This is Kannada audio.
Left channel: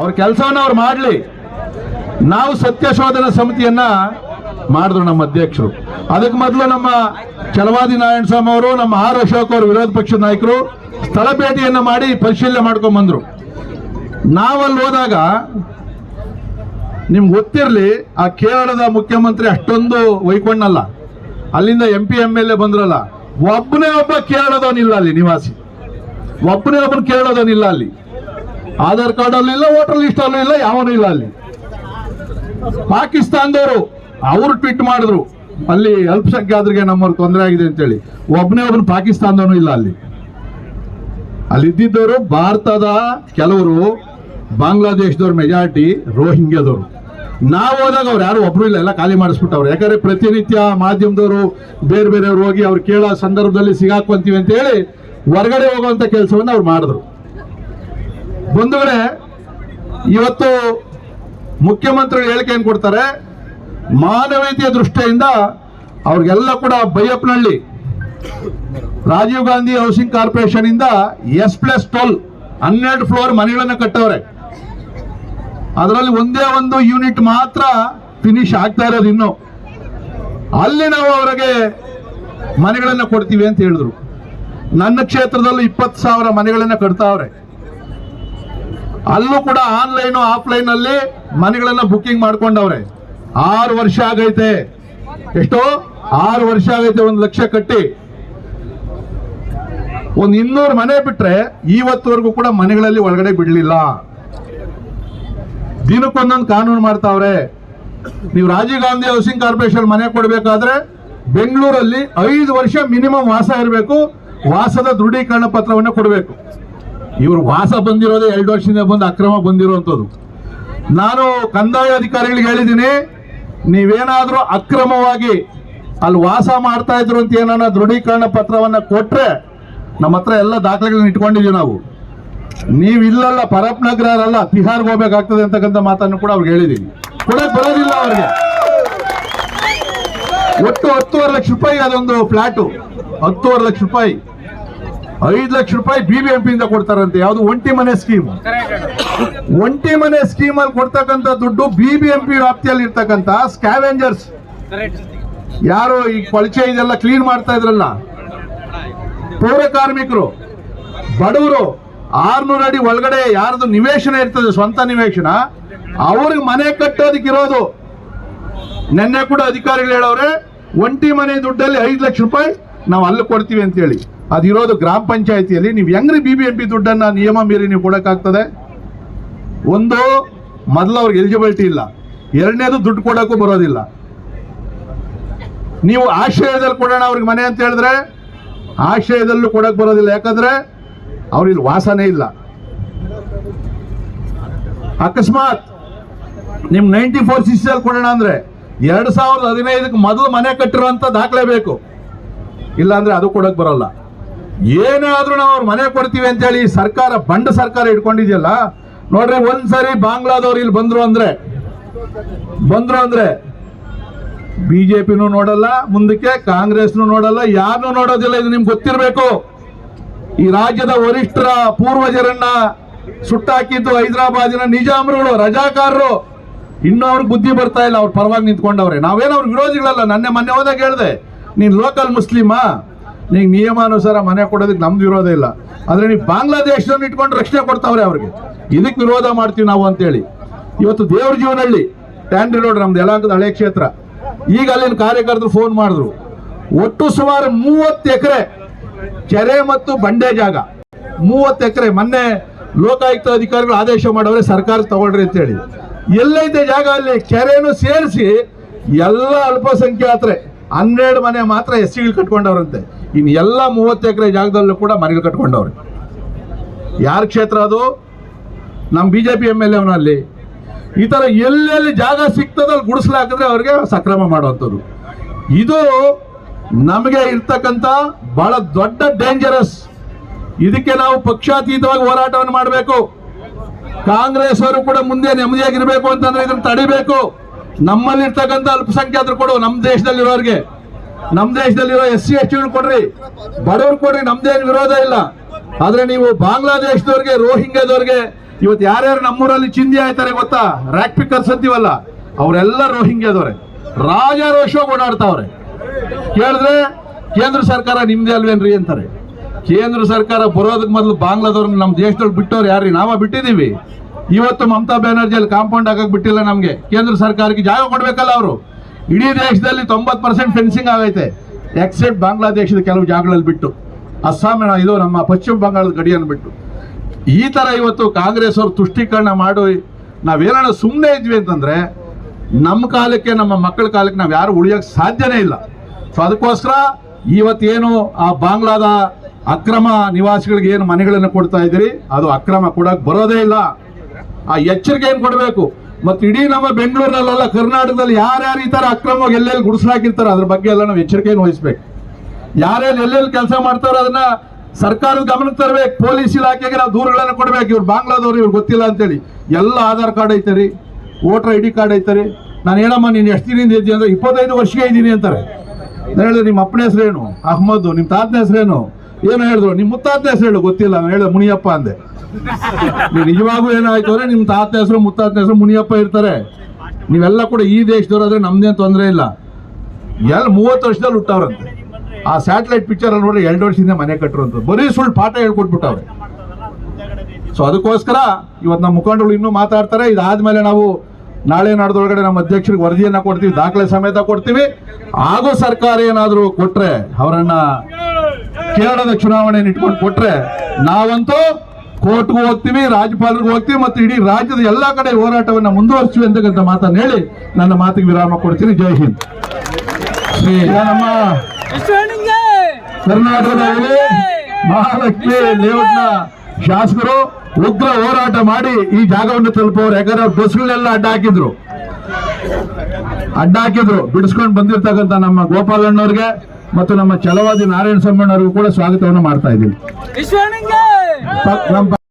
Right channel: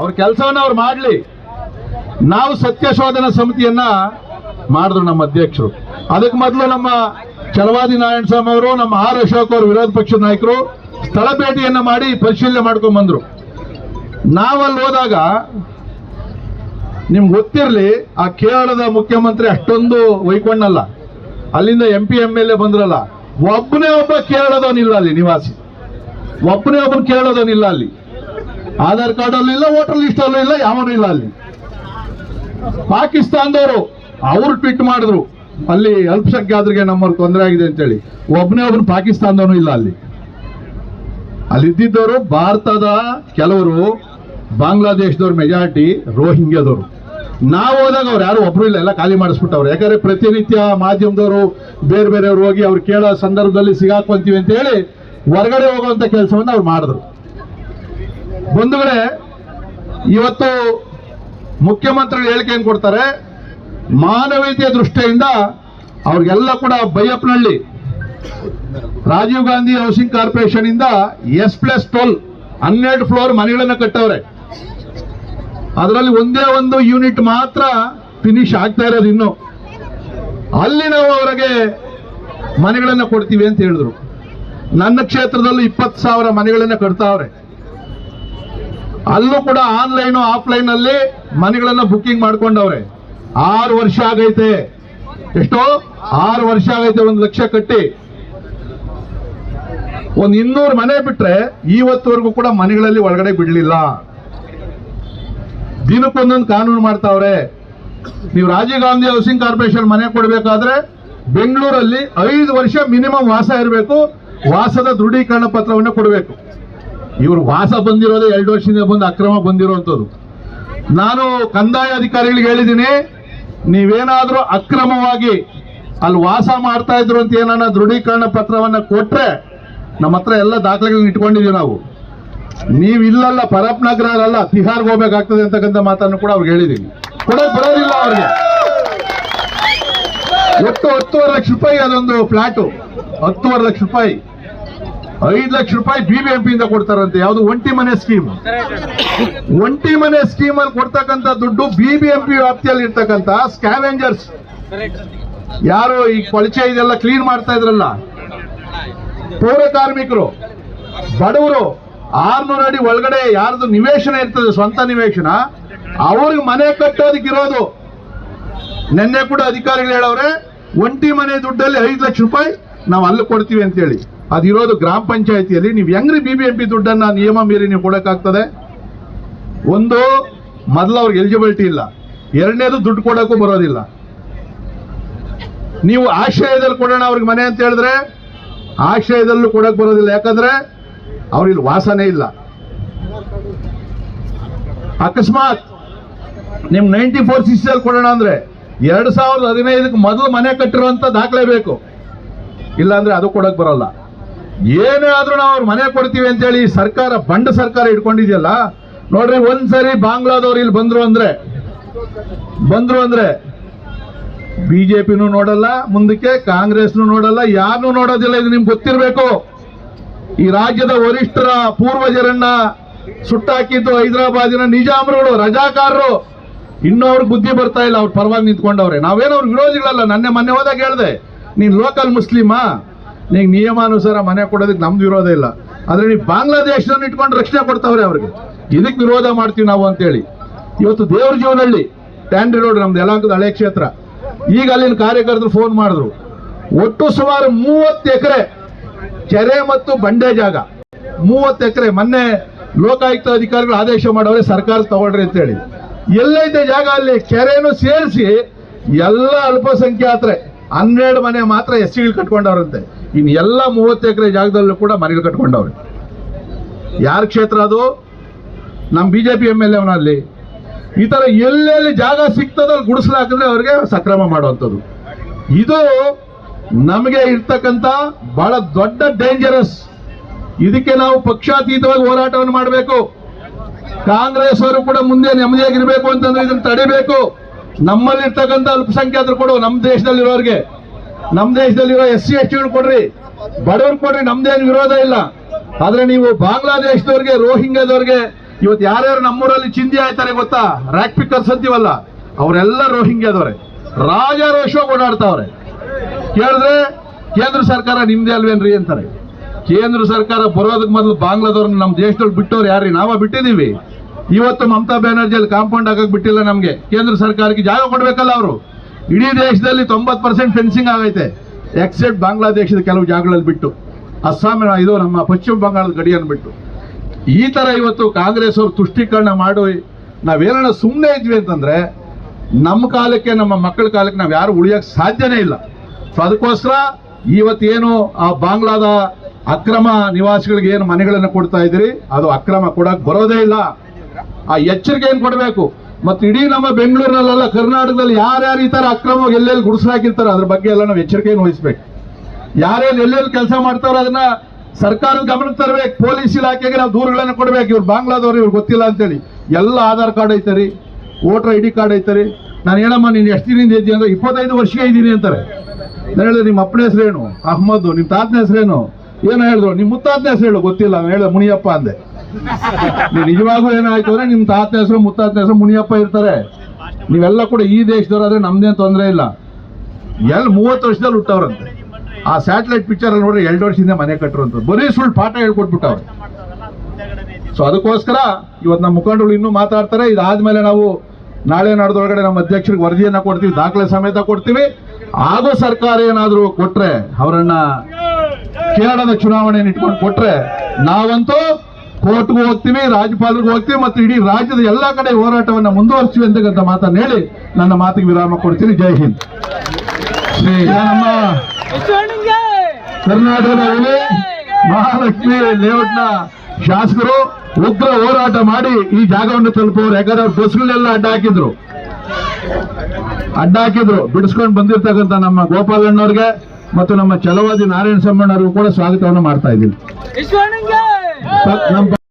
ಅವ್ರ ಕೆಲಸವನ್ನ ಅವ್ರು ಮಾಡಲಿ. ನಾವು ಸತ್ಯಶೋಧನಾ ಸಮಿತಿಯನ್ನ ಮಾಡಿದ್ರು ನಮ್ಮ ಅಧ್ಯಕ್ಷರು. ಅದಕ್ಕೆ ಮೊದಲು ನಮ್ಮ ಛಲವಾದಿ ನಾರಾಯಣ ಸ್ವಾಮಿ ಅವರು, ನಮ್ಮ ಆರ್ ಅಶೋಕ್ ಅವರು ವಿರೋಧ ಪಕ್ಷದ ನಾಯಕರು ಸ್ಥಳ ಭೇಟಿಯನ್ನ ಮಾಡಿ ಪರಿಶೀಲನೆ ಮಾಡ್ಕೊಂಡ್ ಬಂದ್ರು. ನಾವಲ್ಲಿ ಹೋದಾಗ ನಿಮ್ಗೆ ಗೊತ್ತಿರಲಿ, ಆ ಕೇರಳದ ಮುಖ್ಯಮಂತ್ರಿ ಅಷ್ಟೊಂದು ವೈಕೊಂಡಲ್ಲ, ಅಲ್ಲಿಂದ MP MLA ಬಂದ್ರಲ್ಲ, ಒಬ್ಬನೇ ಒಬ್ಬ ಕೇರಳದವನಿಲ್ಲ ಅಲ್ಲಿ ನಿವಾಸಿ, ಒಬ್ಬನೇ ಒಬ್ಬನ ಕೇರಳದವನಿಲ್ಲ ಅಲ್ಲಿ. ಆಧಾರ್ ಕಾರ್ಡ್ ಅಲ್ಲೂ ಇಲ್ಲ, ವೋಟರ್ ಲಿಸ್ಟ್ ಅಲ್ಲೂ ಇಲ್ಲ, ಯಾವನೂ ಇಲ್ಲ ಅಲ್ಲಿ. ಪಾಕಿಸ್ತಾನದವರು ಅವರು ಟ್ವೀಟ್ ಮಾಡಿದ್ರು, ಅಲ್ಲಿ ಅಲ್ಪಸಂಖ್ಯಾತರಿಗೆ ನಮ್ಮವ್ರು ತೊಂದರೆ ಆಗಿದೆ ಅಂತೇಳಿ. ಒಬ್ಬನೇ ಒಬ್ಬನು ಪಾಕಿಸ್ತಾನದವನು ಇಲ್ಲ ಅಲ್ಲಿ. ಅಲ್ಲಿದ್ದವರು ಭಾರತದ ಕೆಲವರು, ಬಾಂಗ್ಲಾದೇಶದವ್ರ ಮೆಜಾರಿಟಿ, ರೋಹಿಂಗ್ಯಾದವರು. ನಾವು ಹೋದಾಗ ಅವ್ರು ಯಾರು ಒಬ್ರು ಇಲ್ಲ, ಎಲ್ಲ ಖಾಲಿ ಮಾಡಿಸ್ಬಿಟ್ಟವ್ರು. ಯಾಕಂದ್ರೆ ಪ್ರತಿನಿತ್ಯ ಮಾಧ್ಯಮದವರು ಬೇರೆ ಬೇರೆಯವ್ರು ಹೋಗಿ ಅವ್ರು ಕೇಳೋ ಸಂದರ್ಭದಲ್ಲಿ ಸಿಗಾಕೊಂತೀವಿ ಅಂತ ಹೇಳಿ ಹೊರಗಡೆ ಹೋಗುವಂತ ಕೆಲಸವನ್ನು ಅವ್ರು ಮಾಡಿದ್ರು. ಬಂಧುಗಳೇ, ಇವತ್ತು ಮುಖ್ಯಮಂತ್ರಿಗಳು ಹೇಳಿಕೆ ಏನ್ ಕೊಡ್ತಾರೆ, ಮಾನವೀಯತೆಯ ದೃಷ್ಟಿಯಿಂದ ಅವ್ರಿಗೆಲ್ಲ ಕೂಡ ಬೈಯಪ್ಪನಹಳ್ಳಿ ರಾಜೀವ್ ಗಾಂಧಿ ಹೌಸಿಂಗ್ ಕಾರ್ಪೊರೇಷನ್ ಇಂದ S+12 12 ಫ್ಲೋರ್ ಮನೆಗಳನ್ನ ಕಟ್ಟವ್ರೆ. ಅದರಲ್ಲಿ ಒಂದೇ ಒಂದು ಯೂನಿಟ್ ಮಾತ್ರ ಫಿನಿಶ್ ಆಗ್ತಾ ಇರೋದು ಇನ್ನು. ಅಲ್ಲಿ ನಾವು ಅವರಿಗೆ ಮನೆಗಳನ್ನ ಕೊಡ್ತೀವಿ ಅಂತ ಹೇಳಿದ್ರು. ನನ್ನ ಕ್ಷೇತ್ರದಲ್ಲೂ 20,000 ಮನೆಗಳನ್ನ ಕಟ್ತಾವ್ರೆ. ಅಲ್ಲೂ ಕೂಡ ಆನ್ಲೈನ್ ಆಫ್ಲೈನ್ ಅಲ್ಲಿ ಮನೆಗಳನ್ನ ಬುಕ್ಕಿಂಗ್ ಮಾಡ್ಕೊಂಡವ್ರೆ. 6 ವರ್ಷ ಆಗೈತೆ. ಎಷ್ಟೋ 6 ವರ್ಷ ಆಗೈತೆ. 1 ಲಕ್ಷ ಕಟ್ಟಿ ಒಂದು 200 ಮನೆ ಬಿಟ್ರೆ ಇವತ್ತುವರೆಗೂ ಕೂಡ ಮನೆಗಳಲ್ಲಿ ಒಳಗಡೆ ಬಿಡ್ಲಿಲ್ಲ. ದಿನಕ್ಕೊಂದೊಂದು ಕಾನೂನು ಮಾಡ್ತಾವ್ರೆ. ನೀವು ರಾಜೀವ್ ಗಾಂಧಿ ಹೌಸಿಂಗ್ ಕಾರ್ಪೊರೇಷನ್ ಮನೆ ಕೊಡಬೇಕಾದ್ರೆ ಬೆಂಗಳೂರಲ್ಲಿ 5 ವರ್ಷ ಮಿನಿಮಮ್ ವಾಸ ಇರಬೇಕು, ವಾಸದ ದೃಢೀಕರಣ ಪತ್ರವನ್ನು ಕೊಡಬೇಕು. ಇವರು ವಾಸ ಬಂದಿರೋದೇ 2 ವರ್ಷದಿಂದ ಬಂದು ಅಕ್ರಮ ಬಂದಿರುವಂಥದ್ದು. ನಾನು ಕಂದಾಯ ಅಧಿಕಾರಿಗಳಿಗೆ ಹೇಳಿದ್ದೀನಿ, ನೀವೇನಾದ್ರೂ ಅಕ್ರಮವಾಗಿ ಅಲ್ಲಿ ವಾಸ ಮಾಡ್ತಾ ಇದ್ರು ಅಂತ ಏನಾನ ದೃಢೀಕರಣ ಪತ್ರವನ್ನ ಕೊಟ್ರೆ ನಮ್ಮ ಹತ್ರ ಎಲ್ಲ ದಾಖಲೆಗಳನ್ನ ಇಟ್ಕೊಂಡಿದೀವಿ ನಾವು. ನೀವು ಇಲ್ಲಲ್ಲ, ಪರಪ್ ನಗರ ಅಲ್ಲ, ತಿಹಾರ್ಗೆ ಹೋಗ್ಬೇಕಾಗ್ತದೆ ಅಂತಕ್ಕಂಥ ಮಾತನ್ನು ಕೂಡ ಅವ್ರಿಗೆ ಹೇಳಿದೀವಿ. ಕೊಡಕ್ ಬರೋದಿಲ್ಲ ಅವ್ರಿಗೆ. ಒಟ್ಟು 10.5 ಲಕ್ಷ ರೂಪಾಯಿ ಅದೊಂದು ಫ್ಲಾಟು, 10.5 ಲಕ್ಷ ರೂಪಾಯಿ, 5 ಲಕ್ಷ ರೂಪಾಯಿ BBMP ಇಂದ ಕೊಡ್ತಾರಂತೆ. ಯಾವುದು ಒಂಟಿ ಮನೆ ಸ್ಕೀಮ್. ಒಂಟಿ ಮನೆ ಸ್ಕೀಮ್ ಅಲ್ಲಿ ಕೊಡ್ತಕ್ಕಂಥ ದುಡ್ಡು BBMP ವ್ಯಾಪ್ತಿಯಲ್ಲಿ ಇರ್ತಕ್ಕಂಥ ಸ್ಕ್ಯಾವೆಂಜರ್ಸ್, ಯಾರು ಈ ಕೊಳಚೆ ಇದೆಲ್ಲ ಕ್ಲೀನ್ ಮಾಡ್ತಾ ಇದ್ರಲ್ಲ, ಪೌರ ಕಾರ್ಮಿಕರು, ಬಡವರು, 600 ಅಡಿ ಒಳಗಡೆ ಯಾರ್ದು ನಿವೇಶನ ಇರ್ತದೆ, ಸ್ವಂತ ನಿವೇಶನ, ಅವ್ರಿಗೆ ಮನೆ ಕಟ್ಟೋದಕ್ಕಿರೋದು. ನಿನ್ನೆ ಕೂಡ ಅಧಿಕಾರಿಗಳು ಹೇಳವ್ರೆ, ಒಂಟಿ ಮನೆ ದುಡ್ಡಲ್ಲಿ 5 ಲಕ್ಷ ರೂಪಾಯಿ ನಾವು ಅಲ್ಲಿ ಕೊಡ್ತೀವಿ ಅಂತ ಹೇಳಿ. ಅದಿರೋದು ಗ್ರಾಮ ಪಂಚಾಯತಿಯಲ್ಲಿ. ನೀವು ಹೆಂಗ್ರಿ BBMP ದುಡ್ಡನ್ನ ನಿಯಮ ಮೀರಿ ನೀವು ಕೊಡಕ್ಕಾಗ್ತದೆ? ಒಂದು, ಮೊದಲು ಅವ್ರಿಗೆ ಎಲಿಜಿಬಿಲಿಟಿ ಇಲ್ಲ. ಎರಡನೇದು, ದುಡ್ಡು ಕೊಡೋಕ್ಕೂ ಬರೋದಿಲ್ಲ. ನೀವು ಆಶ್ರಯದಲ್ಲಿ ಕೊಡೋಣ ಅವ್ರಿಗೆ ಮನೆ ಅಂತ ಹೇಳಿದ್ರೆ ಆಶ್ರಯದಲ್ಲೂ ಕೊಡಕ್ ಬರೋದಿಲ್ಲ. ಯಾಕಂದ್ರೆ ಅವ್ರಿಗೆ ವಾಸನೆ ಇಲ್ಲ. ಅಕಸ್ಮಾತ್ ನಿಮ್ 94 CC ಅಲ್ಲಿ ಕೊಡೋಣ ಅಂದ್ರೆ 2015ಕ್ಕೆ ಮೊದಲು ಮನೆ ಕಟ್ಟಿರುವಂತ ದಾಖಲೆ ಬೇಕು, ಇಲ್ಲ ಅಂದ್ರೆ ಅದು ಕೊಡಕ್ ಬರೋಲ್ಲ. ಏನಾದ್ರೂ ನಾವು ಅವ್ರ ಮನೆ ಕೊಡ್ತೀವಿ ಅಂತ ಹೇಳಿ ಸರ್ಕಾರ, ಬಂಡ ಸರ್ಕಾರ ಇಟ್ಕೊಂಡಿದೆಯಲ್ಲ ನೋಡ್ರಿ. ಒಂದ್ಸರಿ ಬಾಂಗ್ಲಾದವ್ರು ಇಲ್ಲಿ ಬಂದ್ರು ಅಂದ್ರೆ BJPನೂ ನೋಡಲ್ಲ, ಮುಂದಕ್ಕೆ ಕಾಂಗ್ರೆಸ್ನು ನೋಡಲ್ಲ, ಯಾರನ್ನೂ ನೋಡೋದಿಲ್ಲ. ಇದು ನಿಮ್ಗೆ ಗೊತ್ತಿರಬೇಕು. ಈ ರಾಜ್ಯದ ವರಿಷ್ಠರ ಪೂರ್ವಜರನ್ನ ಸುಟ್ಟಾಕಿದ್ದು ಹೈದರಾಬಾದಿನ ನಿಜಾಮರುಗಳು, ರಜಾಕಾರರು. ಇನ್ನೂ ಅವ್ರಿಗೆ ಬುದ್ಧಿ ಬರ್ತಾ ಇಲ್ಲ. ಅವ್ರ ಪರವಾಗಿ ನಿಂತ್ಕೊಂಡವ್ರೆ. ನಾವೇನೋ ಅವ್ರ ವಿರೋಧಿಗಳಲ್ಲ. ಮೊನ್ನೆ ಹೋದಾಗ ಹೇಳಿದೆ, ನೀನ್ ಲೋಕಲ್ ಮುಸ್ಲಿಮಾ, ನೀಗ ನಿಯಮಾನುಸಾರ ಮನೆ ಕೊಡೋದಕ್ಕೆ ನಮ್ದು ವಿರೋಧ ಇಲ್ಲ. ಆದ್ರೆ ನೀವು ಬಾಂಗ್ಲಾದೇಶದನ್ನು ಇಟ್ಕೊಂಡು ರಕ್ಷಣೆ ಕೊಡ್ತಾವ್ರೆ ಅವ್ರಿಗೆ, ಇದಕ್ಕೆ ವಿರೋಧ ಮಾಡ್ತೀವಿ ನಾವು ಅಂತೇಳಿ. ಇವತ್ತು ದೇವ್ರ ಜೀವನಹಳ್ಳಿ ಟ್ಯಾಂಡ್ರಿ ರೋಡ್, ನಮ್ದು ಯಲಹಂಕದ ಹಳೆ ಕ್ಷೇತ್ರ. ಈಗ ಅಲ್ಲಿನ ಕಾರ್ಯಕರ್ತರು ಫೋನ್ ಮಾಡಿದ್ರು, ಒಟ್ಟು ಸುಮಾರು 30 ಎಕರೆ ಕೆರೆ ಮತ್ತು ಬಂಡೆ ಜಾಗ, 30 ಎಕರೆ. ಮೊನ್ನೆ ಲೋಕಾಯುಕ್ತ ಅಧಿಕಾರಿಗಳು ಆದೇಶ ಮಾಡವ್ರೆ, ಸರ್ಕಾರ ತಗೊಳ್ರಿ ಅಂತ ಹೇಳಿ. ಎಲ್ಲೈತೆ ಜಾಗ ಅಲ್ಲಿ? ಕೆರೆನೂ ಸೇರಿಸಿ ಎಲ್ಲ ಅಲ್ಪಸಂಖ್ಯಾತರೆ 12 ಮನೆ ಮಾತ್ರ SCಗಳು ಕಟ್ಕೊಂಡವ್ರಂತೆ. ಇನ್ನು ಎಲ್ಲ 30 ಎಕರೆ ಜಾಗದಲ್ಲೂ ಕೂಡ ಮನೆಗಳು ಕಟ್ಕೊಂಡವ್ರೆ. ಯಾರ ಕ್ಷೇತ್ರ ಅದು? ನಮ್ಮ BJP MLA ಅವನಲ್ಲಿ. ಈ ತರ ಎಲ್ಲೆಲ್ಲಿ ಜಾಗ ಸಿಗ್ತದಲ್ಲಿ ಗುಡಿಸ್ಲಾಕಿದ್ರೆ ಅವ್ರಿಗೆ ಸಕ್ರಮ ಮಾಡುವಂಥದ್ದು. ಇದು ನಮಗೆ ಇರ್ತಕ್ಕಂಥ ಬಹಳ ದೊಡ್ಡ ಡೇಂಜರಸ್. ಇದಕ್ಕೆ ನಾವು ಪಕ್ಷಾತೀತವಾಗಿ ಹೋರಾಟವನ್ನು ಮಾಡಬೇಕು. ಕಾಂಗ್ರೆಸ್ ಅವರು ಕೂಡ ಮುಂದೆ ನೆಮ್ಮದಿಯಾಗಿರ್ಬೇಕು ಅಂತಂದ್ರೆ ಇದನ್ನು ತಡಿಬೇಕು. ನಮ್ಮಲ್ಲಿರ್ತಕ್ಕಂಥ ಅಲ್ಪಸಂಖ್ಯಾತರು ಕೊಡು, ನಮ್ಮ ದೇಶದಲ್ಲಿರೋರಿಗೆ, ನಮ್ಮ ದೇಶದಲ್ಲಿರೋ SC STಗಳು ಕೊಡ್ರಿ, ಬಡವರು ಕೊಡ್ರಿ, ನಮ್ದೇನು ವಿರೋಧ ಇಲ್ಲ. ಆದ್ರೆ ನೀವು ಬಾಂಗ್ಲಾದೇಶದವ್ರಿಗೆ, ರೋಹಿಂಗ್ಯಾದವ್ರಿಗೆ ಇವತ್ತು ಯಾರ್ಯಾರು ನಮ್ಮೂರಲ್ಲಿ ಚಿಂದಿ ಆಯ್ತಾರೆ ಗೊತ್ತಾ, ರ್ಯಾಕ್ ಪಿಕ್ಕರ್ಸ್ ಅಂತೀವಲ್ಲ, ಅವರೆಲ್ಲ ರೋಹಿಂಗ್ಯಾದವ್ರೆ, ರಾಜಾರೋಷವಾಗಿ ಓಡಾಡ್ತಾವ್ರೆ. ಕೇಳಿದ್ರೆ ಕೇಂದ್ರ ಸರ್ಕಾರ ನಿಮ್ದೇ ಅಲ್ವೇನ್ರಿ ಅಂತಾರೆ. ಕೇಂದ್ರ ಸರ್ಕಾರ ಬರೋದಕ್ಕೆ ಮೊದಲು ಬಾಂಗ್ಲಾದವ್ರನ್ನ ನಮ್ಮ ದೇಶದಲ್ಲಿ ಬಿಟ್ಟವ್ರು ಯಾರ್ರಿ? ನಾವ ಬಿಟ್ಟಿದೀವಿ. ಇವತ್ತು ಮಮತಾ ಬ್ಯಾನರ್ಜಿ ಅಲ್ಲಿ ಕಾಂಪೌಂಡ್ ಹಾಕಕ್ ಬಿಟ್ಟಿಲ್ಲ. ನಮ್ಗೆ ಕೇಂದ್ರ ಸರ್ಕಾರಕ್ಕೆ ಜಾಗ ಕೊಡ್ಬೇಕಲ್ಲ ಅವರು. ಇಡೀ ದೇಶದಲ್ಲಿ 90% ಫೆನ್ಸಿಂಗ್ ಆಗೈತೆ, ಎಕ್ಸೆಪ್ಟ್ ಬಾಂಗ್ಲಾದೇಶದ ಕೆಲವು ಜಾಗಗಳಲ್ಲಿ ಬಿಟ್ಟು, ಅಸ್ಸಾಮಿನ ಇದು ನಮ್ಮ ಪಶ್ಚಿಮ ಬಂಗಾಳದ ಗಡಿಯನ್ನು ಬಿಟ್ಟು. ಈ ತರ ಇವತ್ತು ಕಾಂಗ್ರೆಸ್ ಅವರು ತುಷ್ಟೀಕರಣ ಮಾಡಿ ನಾವೇನ ಸುಮ್ಮನೆ ಇದ್ವಿ ಅಂತಂದ್ರೆ ನಮ್ಮ ಕಾಲಕ್ಕೆ, ನಮ್ಮ ಮಕ್ಕಳ ಕಾಲಕ್ಕೆ ನಾವು ಯಾರು ಉಳಿಯಕ್ಕೆ ಸಾಧ್ಯನೇ ಇಲ್ಲ. ಸೊ ಅದಕ್ಕೋಸ್ಕರ ಇವತ್ತೇನು ಆ ಬಾಂಗ್ಲಾದ ಅಕ್ರಮ ನಿವಾಸಿಗಳಿಗೆ ಏನು ಮನೆಗಳನ್ನು ಕೊಡ್ತಾ ಇದ್ದೀರಿ, ಅದು ಅಕ್ರಮ ಕೊಡಕ್ ಬರೋದೇ ಇಲ್ಲ. ಆ ಎಚ್ಚರಿಕೆ ಏನು ಕೊಡಬೇಕು. ಮತ್ತು ಇಡೀ ನಮ್ಮ ಬೆಂಗಳೂರಿನಲ್ಲ, ಕರ್ನಾಟಕದಲ್ಲಿ ಯಾರ್ಯಾರು ಈ ತರ ಅಕ್ರಮ ಎಲ್ಲೆಲ್ಲಿ ಗುಡಿಸಲಾಕಿರ್ತಾರೋ ಅದ್ರ ಬಗ್ಗೆ ಎಲ್ಲ ನಾವು ಎಚ್ಚರಿಕೆಯನ್ನು ವಹಿಸ್ಬೇಕು. ಯಾರೇನು ಎಲ್ಲೆಲ್ಲಿ ಕೆಲಸ ಮಾಡ್ತಾರೋ ಅದನ್ನ ಸರ್ಕಾರದ ಗಮನಕ್ಕೆ ತರಬೇಕು. ಪೊಲೀಸ್ ಇಲಾಖೆಗೆ ನಾವು ದೂರುಗಳನ್ನು ಕೊಡ್ಬೇಕು. ಇವ್ರು ಬಾಂಗ್ಲಾದವ್ರು, ಇವ್ರು ಗೊತ್ತಿಲ್ಲ ಅಂತೇಳಿ. ಎಲ್ಲ ಆಧಾರ್ ಕಾರ್ಡ್ ಐತರಿ, ವೋಟರ್ ID ಕಾರ್ಡ್ ಐತರಿ. ನಾನು ಹೇಳಮ್ಮ ನೀನು ಎಷ್ಟು ದಿನದಿಂದ ಇದ್ದೀನಿ ಅಂದ್ರೆ 25 ವರ್ಷಕ್ಕೆ ಇದ್ದೀನಿ ಅಂತಾರೆ. ನಾನು ಹೇಳಿದೆ ನಿಮ್ಮ ಅಪ್ಪನ ಹೆಸರೇನು? ಅಹ್ಮದ್. ನಿಮ್ಮ ತಾತನ ಹೆಸರೇನು? ಏನು ಹೇಳಿದ್ರು? ನಿಮ್ಮ ಮುತ್ತಾತನ ಹೆಸರು ಹೇಳು. ಗೊತ್ತಿಲ್ಲ. ನಾನು ಹೇಳಿದೆ ಮುನಿಯಪ್ಪ ಅಂದೆ. ನೀವು ನಿಜವಾಗೂ ಏನಾಯ್ತು ಅಂದ್ರೆ ನಿಮ್ಮ ತಾತನ ಹೆಸರು ಮುತ್ತಾತನ ಹೆಸರು ಮುನಿಯಪ್ಪ ಇರ್ತಾರೆ. ನೀವೆಲ್ಲ ಕೂಡ ಈ ದೇಶದವ್ರು ಆದ್ರೆ ನಮ್ದೇನು ತೊಂದರೆ ಇಲ್ಲ. 30 ವರ್ಷದಲ್ಲಿ ಹುಟ್ಟವ್ರಂತೆ. ಆ ಸ್ಯಾಟಲೈಟ್ ಪಿಕ್ಚರ್ ಅಲ್ಲಿ ನೋಡ್ರಿ 2 ವರ್ಷದಿಂದ ಮನೆ ಕಟ್ಟರು ಅಂತ ಬರೀ ಸುಳ್ಳು ಪಾಠ ಹೇಳ್ಕೊಟ್ಬಿಟ್ಟವ್ರೆ. ಸೊ ಅದಕ್ಕೋಸ್ಕರ ಇವತ್ತು ನಮ್ಮ ಮುಖಂಡರು ಇನ್ನೂ ಮಾತಾಡ್ತಾರೆ. ಇದಾದ್ಮೇಲೆ ನಾವು ನಾಳೆ ನಾಡ್ದೊಳಗಡೆ ನಮ್ಮ ಅಧ್ಯಕ್ಷರಿಗೆ ವರದಿಯನ್ನ ಕೊಡ್ತೀವಿ, ದಾಖಲೆ ಸಮೇತ ಕೊಡ್ತೀವಿ. ಹಾಗೂ ಸರ್ಕಾರ ಏನಾದ್ರು ಕೊಟ್ರೆ, ಅವರನ್ನ ಕೇರಳದ ಚುನಾವಣೆಯನ್ನು ಇಟ್ಕೊಂಡು ಕೊಟ್ರೆ ನಾವಂತೂ ಕೋರ್ಟ್ಗೂ ಹೋಗ್ತೀವಿ, ರಾಜ್ಯಪಾಲರಿಗೂ ಹೋಗ್ತೀವಿ, ಮತ್ತು ಇಡೀ ರಾಜ್ಯದ ಎಲ್ಲಾ ಕಡೆ ಹೋರಾಟವನ್ನ ಮುಂದುವರಿಸ್ತೀವಿ ಅಂತಕ್ಕಂಥ ಮಾತನ್ನು ಹೇಳಿ ನನ್ನ ಮಾತಿಗೆ ವಿರಾಮ ಕೊಡ್ತೀನಿ. ಜೈ ಹಿಂದ್. ಶ್ರೀ ನಮ್ಮ ಕರ್ನಾಟಕದಲ್ಲಿ ಮಹಾಲಕ್ಷ್ಮಿ ಲೇಔಟ್ನ ಶಾಸಕರು ಉಗ್ರ ಹೋರಾಟ ಮಾಡಿ ಈ ಜಾಗವನ್ನು ತಲುಪೋರು. ಯಾಕಂದ್ರೆ ಅವ್ರ ಬಸ್ಗಳನ್ನೆಲ್ಲ ಅಡ್ಡ ಹಾಕಿದ್ರು ಬಿಡಿಸ್ಕೊಂಡು ಬಂದಿರ್ತಕ್ಕಂಥ ನಮ್ಮ ಗೋಪಾಲಣ್ಣವ್ರಿಗೆ ಮತ್ತು ನಮ್ಮ ಛಲವಾದಿ ನಾರಾಯಣ ಸ್ವಾಮಣ್ಣವ್ರಿಗೂ ಕೂಡ ಸ್ವಾಗತವನ್ನು ಮಾಡ್ತಾ ಇದ್ದೀವಿ.